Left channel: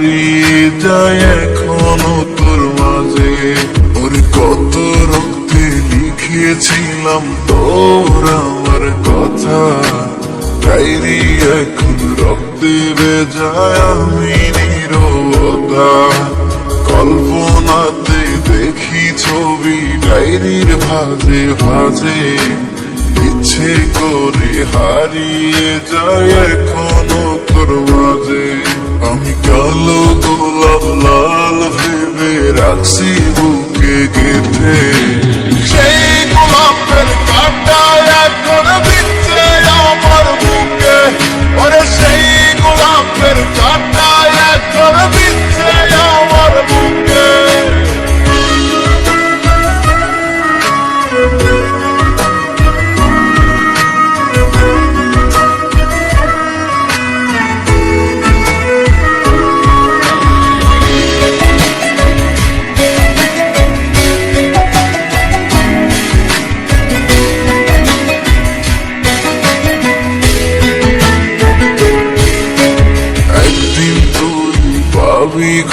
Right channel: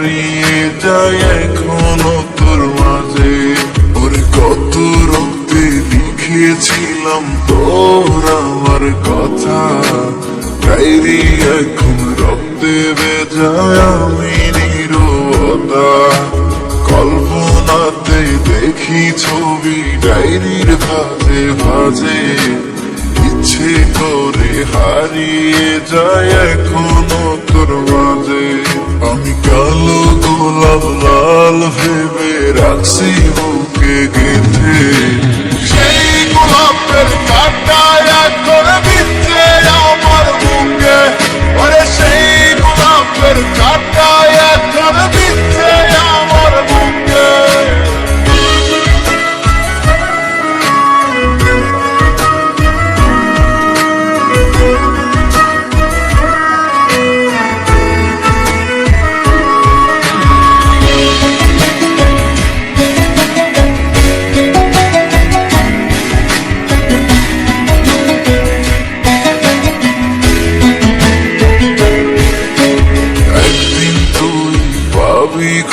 হারিয়ে যায় এখনো তোর মাঝে। ওরে কত রক্তে লিখেছিলাম তোর আমার কথা, ডায়েরি এখন রক্তে ভেজায় আমি নীরবতা। কল্পনাতে দেখি ছবি ডায়েরির ভাজে ভাজে, ইচ্ছে করে হারিয়ে যায় এখনো তোর মাঝে। আমি কালো গোলাপ লাল ভেবে রাখছি বুকে গেঁথে, সেই গোলাপের কাঁটা এখন বিচ্ছে আমার বুকে। ওরে সেই গোলাপের কাঁটা এখন বিচ্ছে আমার বুকে।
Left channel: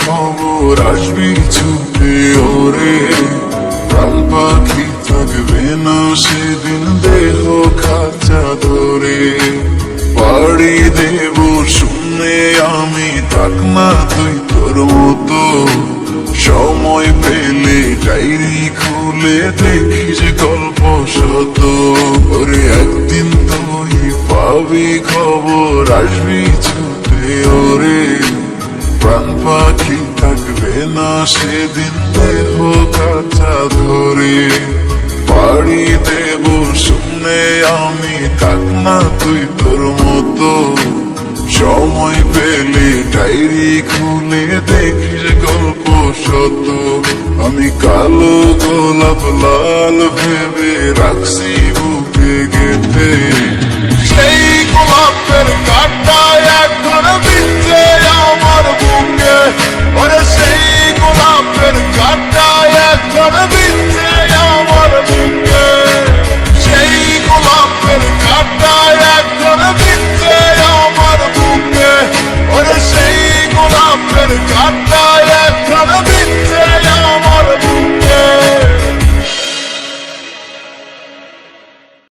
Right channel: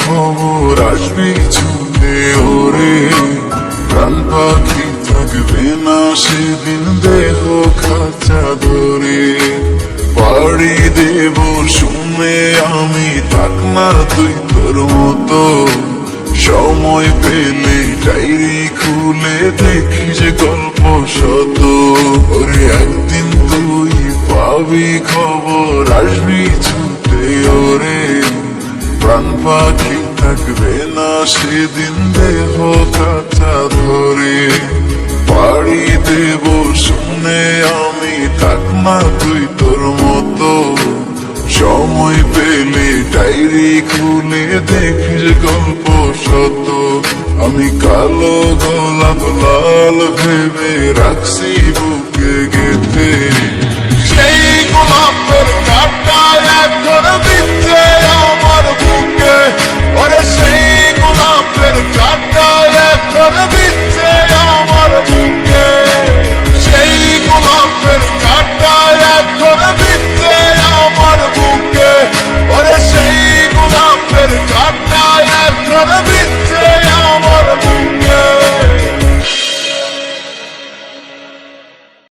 খবর আসবে ছুটে ওরে, কাল পাখি থাকবে না সেদিন দেহ খাঁচা ধরে। বাড়ি দেব শুনে আমি থাক না তুই তোর মতো, সময় পেলে ডায়েরি খুলে দেখিস গল্প শত। ওরে একদিন তুই পাবি খবর আসবি ছুটে ওরে, প্রাণ পাখি থাকবে না সেদিন দেহ কাঁচা ধরে। পাড়ি দেব শুনে আমি থাক না তুই তোর মতো, সময় পেলে ডায়েরি খুলে দেখিস গল্প শত। আমি কালো গোলাপ লাল ভেবে রাখছি বুকে গেঁথে, সেই গোলাপের কাঁটা এখন বিচ্ছে আমার